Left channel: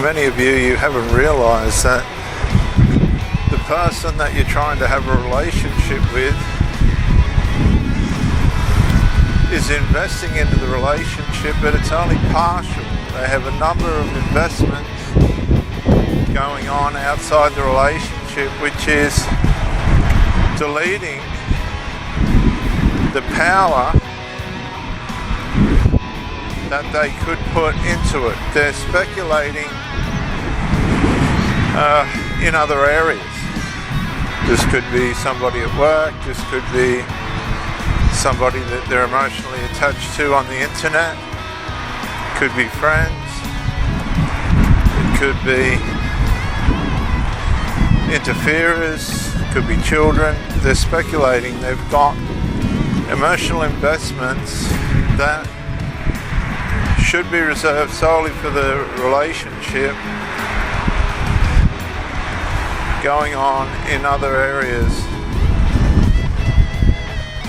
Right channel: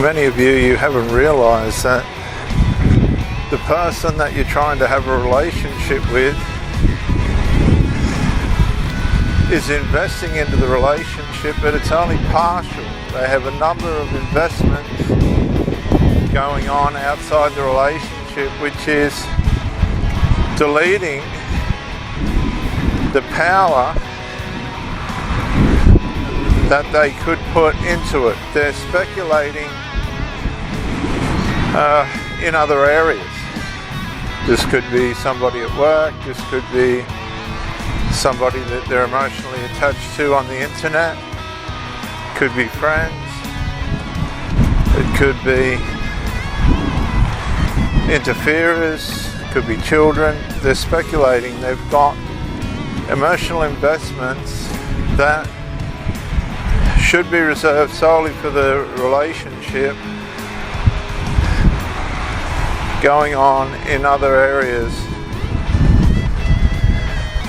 many of you haven't realized that the person that you're trying to have a relationship with is investing into the relationship, but it's only partial. They have a number of investments going on outside the relationship, which is deleting the power that they could put into it. They're speculating in other areas. This could be somebody at work, this could be somebody that they're emotionally attached to on the internet, it could be friends, it could be interferers, it could be children. They're speculating. They've got emotional investments that should be reserved solely for the relationship going on in other areas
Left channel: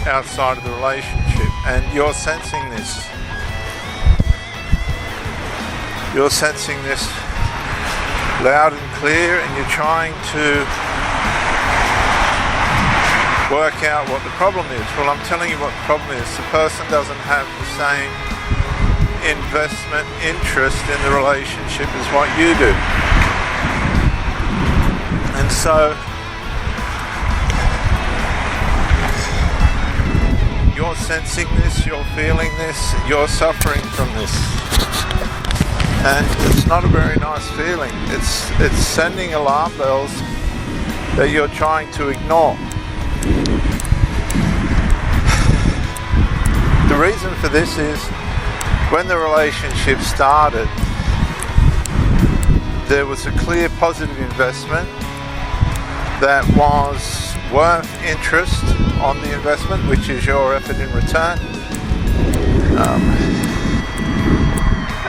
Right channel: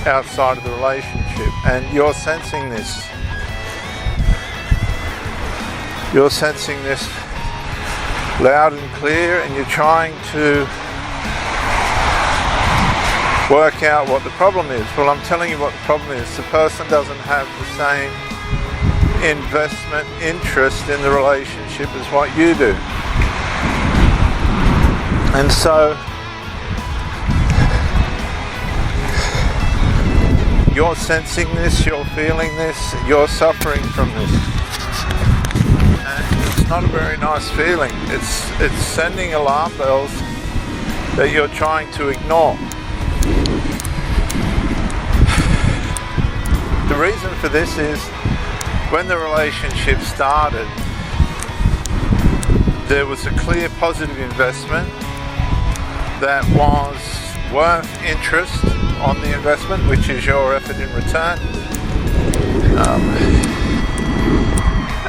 outside of the relationship. And you're sensing this. You're sensing this loud and clear, and you're trying to work out what the problem is. Well, I'm telling you what the problem is. The person doesn't have the same investment interest in the relationship as what you do. And so you're sensing this, you're feeling this, you're suffering from this. And it's not a very nice feeling. It's sending alarm bells that you're trying to ignore. The reason for this is when the relationship started, there was a clear positive investment that was worth interest on the investment, which is your effort in return.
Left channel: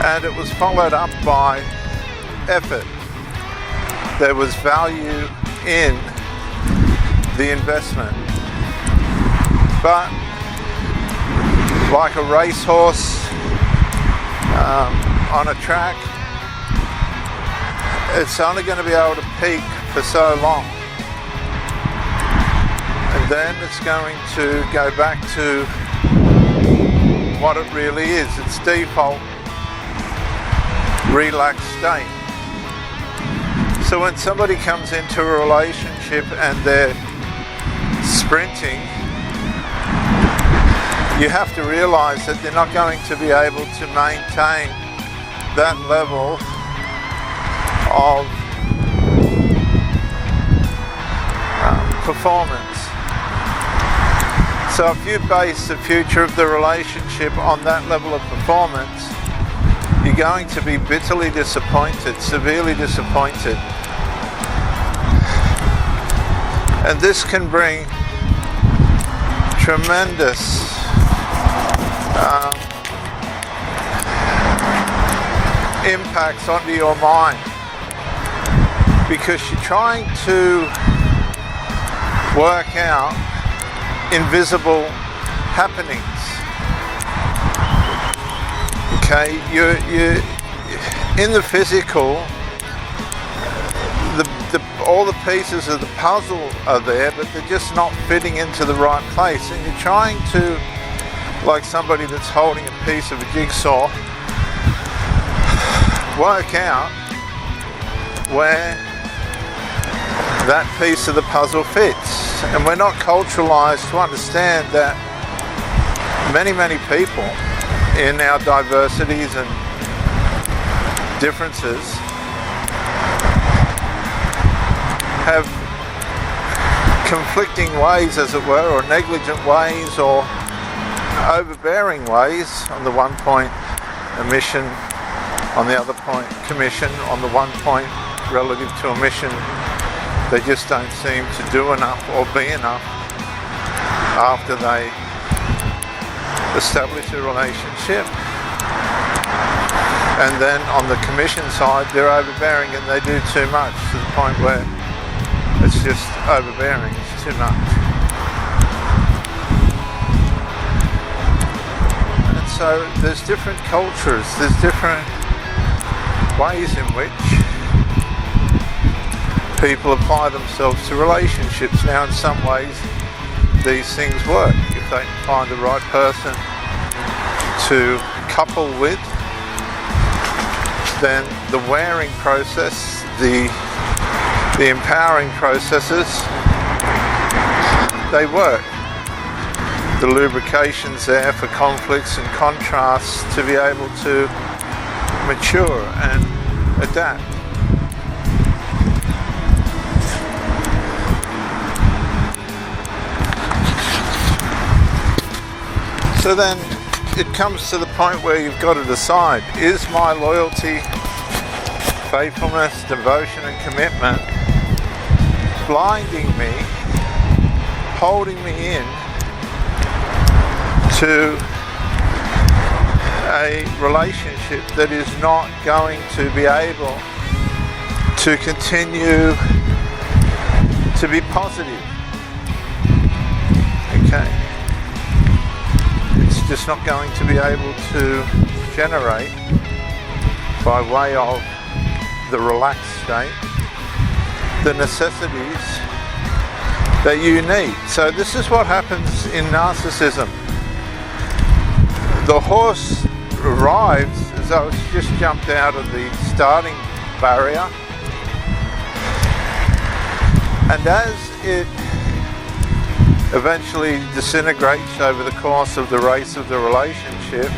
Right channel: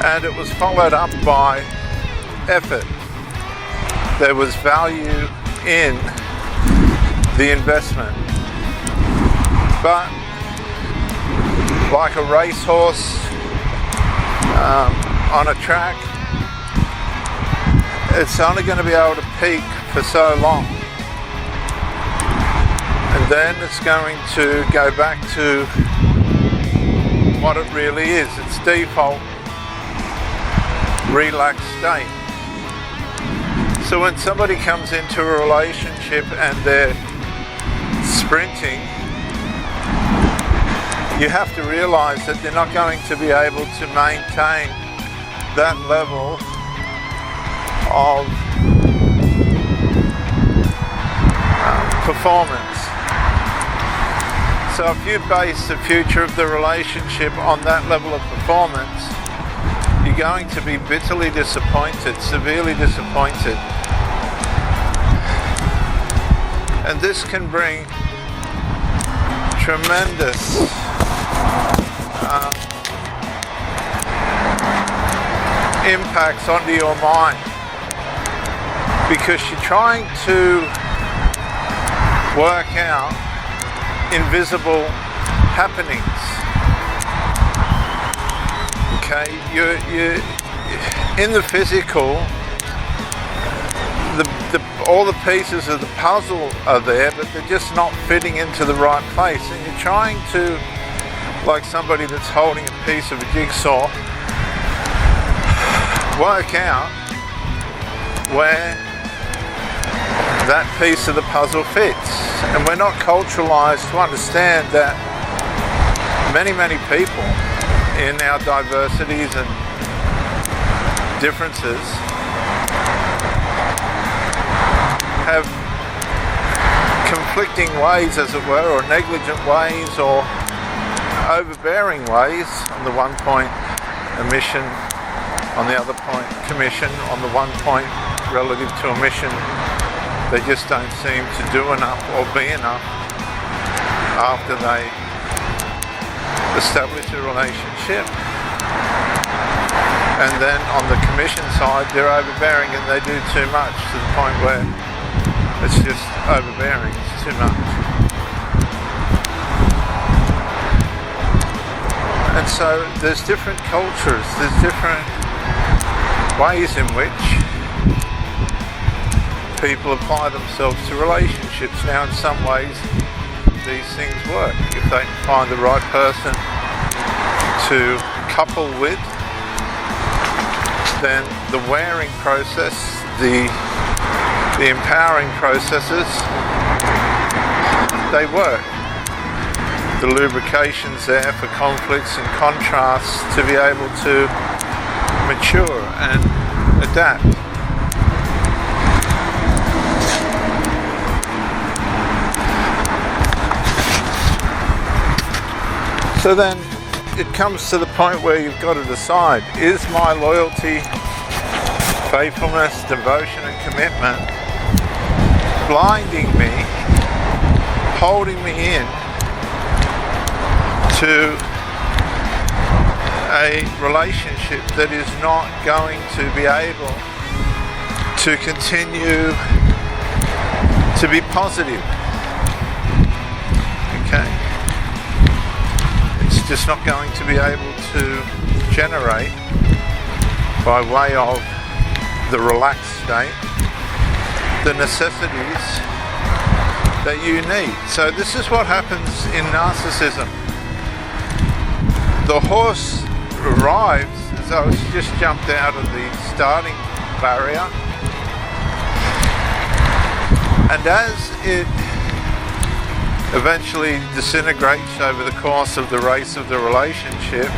And it was followed up by effort. There was value in the investment. But like a racehorse on a track, it's only going to be able to peak for so long, and then it's going to go back to what it really is, its default relaxed state. So when somebody comes into a relationship and they're sprinting, you have to realize that they're not going to be able to maintain that level of performance. So if you base the future of the relationship on that level of performance, you're going to be bitterly disappointed, severely disappointed. And this can bring tremendous impacts onto your mind, because you're trying to work out invisible happenings. Okay, you're in the physical, all the pieces of the puzzle are there, but they're just not fitting into the right place, and you're trying to, like somebody that's holding a piece of a jigsaw, work out where that piece of the puzzle fits. And we're not culturalized to understand that many people in our diversities and differences have conflicting ways, as it were, or negligent ways, or overbearing ways. On the one point, omission; on the other point, commission; on the one point, relative to omission, they just don't seem to do enough or be enough after they establish a relationship. And then on the commission side, they're overbearing and they do too much, to the point where it's just overbearing, it's too much. And so there's different cultures, there's different ways in which people apply themselves to relationships. Now, in some ways, these things work. If they find the right person to couple with, then the wearing process, the empowering processes, they work. The lubrication's there for conflicts and contrasts to be able to mature and adapt. So then it comes to the point where you've got to decide, is my loyalty, faithfulness, devotion and commitment blinding me, holding me in to a relationship that is not going to be able to continue to be positive? Okay. It's just not going to be able to generate, by way of the relaxed state, the necessities that you need. So this is what happens in narcissism. The horse arrives as though it's just jumped out of the starting barrier, and as it eventually disintegrates over the course of the race of the relationship,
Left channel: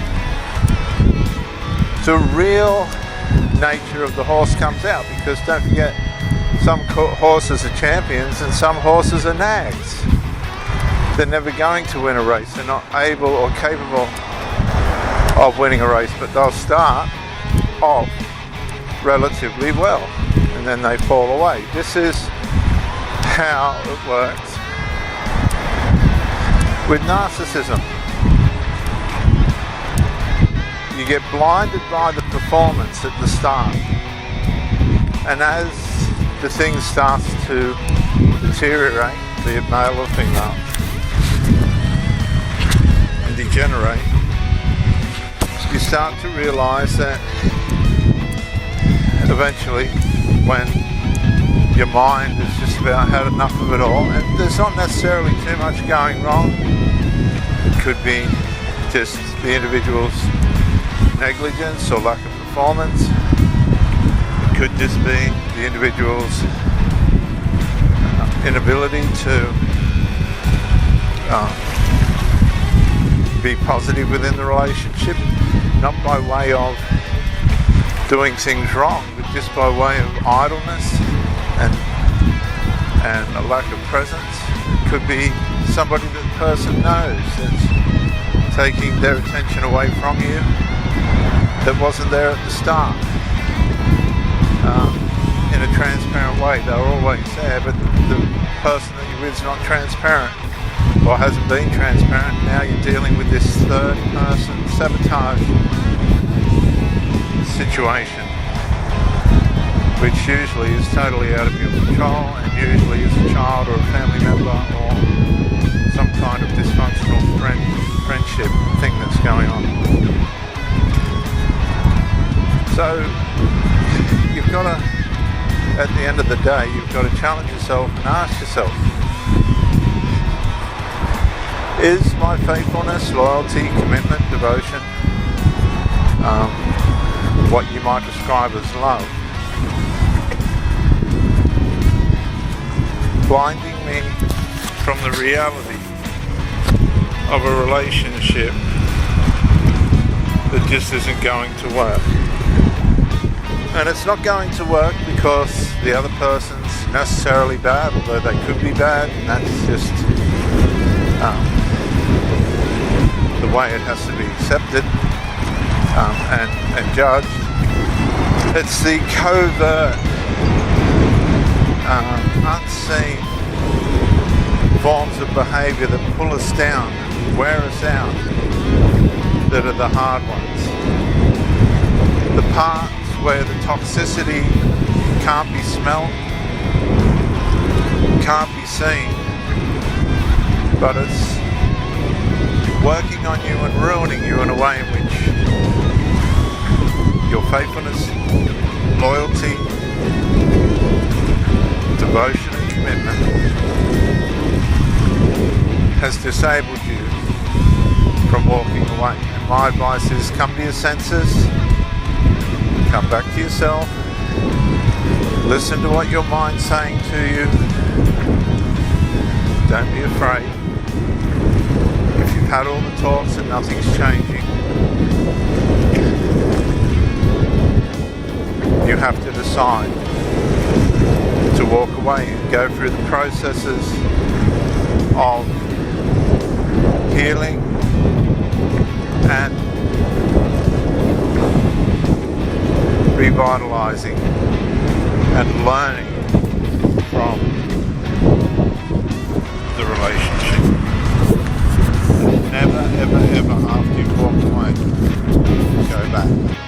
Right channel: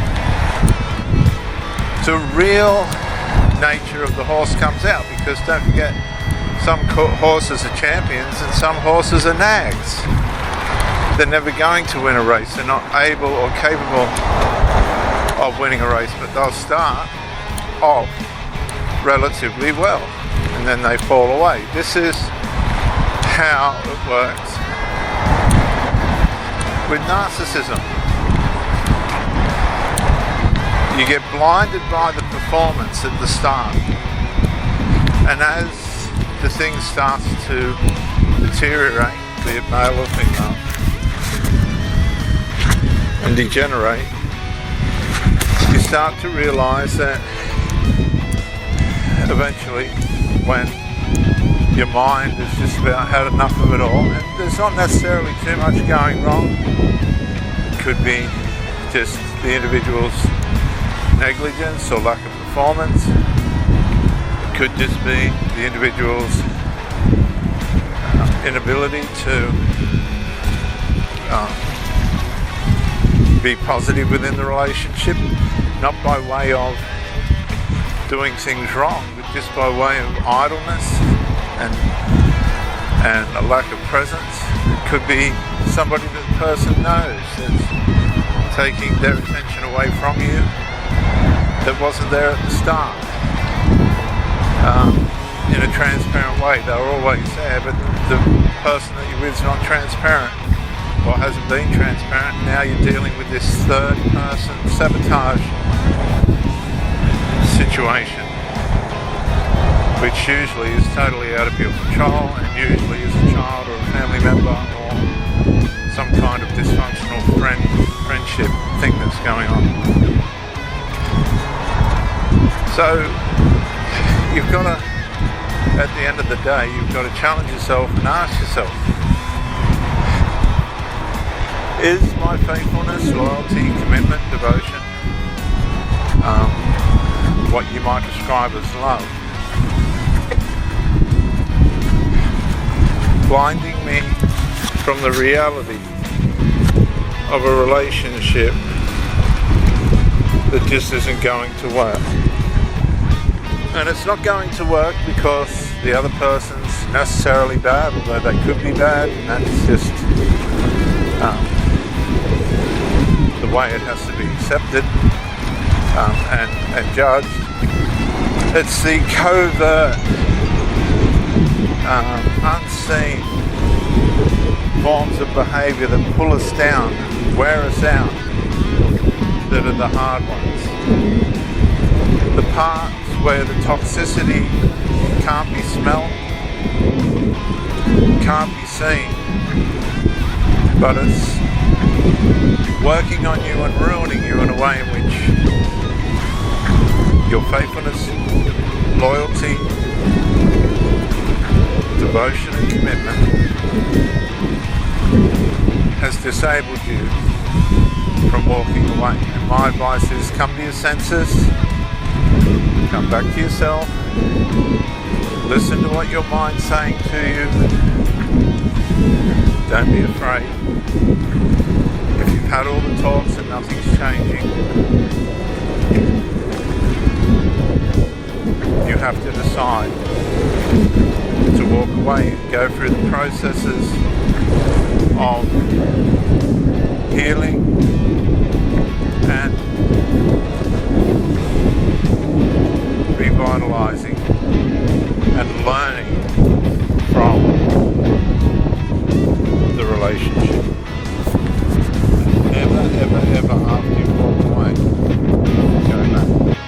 the real nature of the horse comes out, because don't forget, some horses are champions and some horses are nags. They're never going to win a race. They're not able or capable of winning a race, but they'll start off relatively well and then they fall away. This is how it works with narcissism. You get blinded by the performance at the start, and as the thing starts to deteriorate, be it male or female, and degenerate, you start to realize that eventually, when your mind has just about had enough of it all, and there's not necessarily too much going wrong, it could be just the individual's negligence or lack of performance. It could just be the individual's inability to be positive within the relationship, not by way of doing things wrong, but just by way of idleness and a lack of presence. It could be somebody that the person knows that's taking their attention away from you, that wasn't there at the start. In a transparent way, they were always there, but the person that you're with is not transparent, or hasn't been transparent. Now you're dealing with this third person sabotage situation, which usually is totally out of your control, and usually is a child or a family member or some kind of dysfunctional friendship thing that's going on. So you've got to, at the end of the day, you've got to challenge yourself and ask yourself, is my faithfulness, loyalty, commitment, devotion, what you might describe as love, blinding me from the reality of a relationship that just isn't going to work? And it's not going to work because the other person's necessarily bad, although they could be bad, and that's just the way it has to be accepted and judged. It's the covert, unseen forms of behaviour that pull us down, wear us out, that are the hard ones. The parts where the toxicity can't be smelled, can't be seen, but it's working on you and ruining you in a way in which your faithfulness, loyalty, devotion and commitment has disabled you from walking away. And my advice is come to your senses, come back to yourself, listen to what your mind's saying to you. Don't be afraid. If you've had all the talks and nothing's changing, you have to decide to walk away and go through the processes of healing and revitalizing and learning from the relationship. Never, ever, ever after you walk away, go back.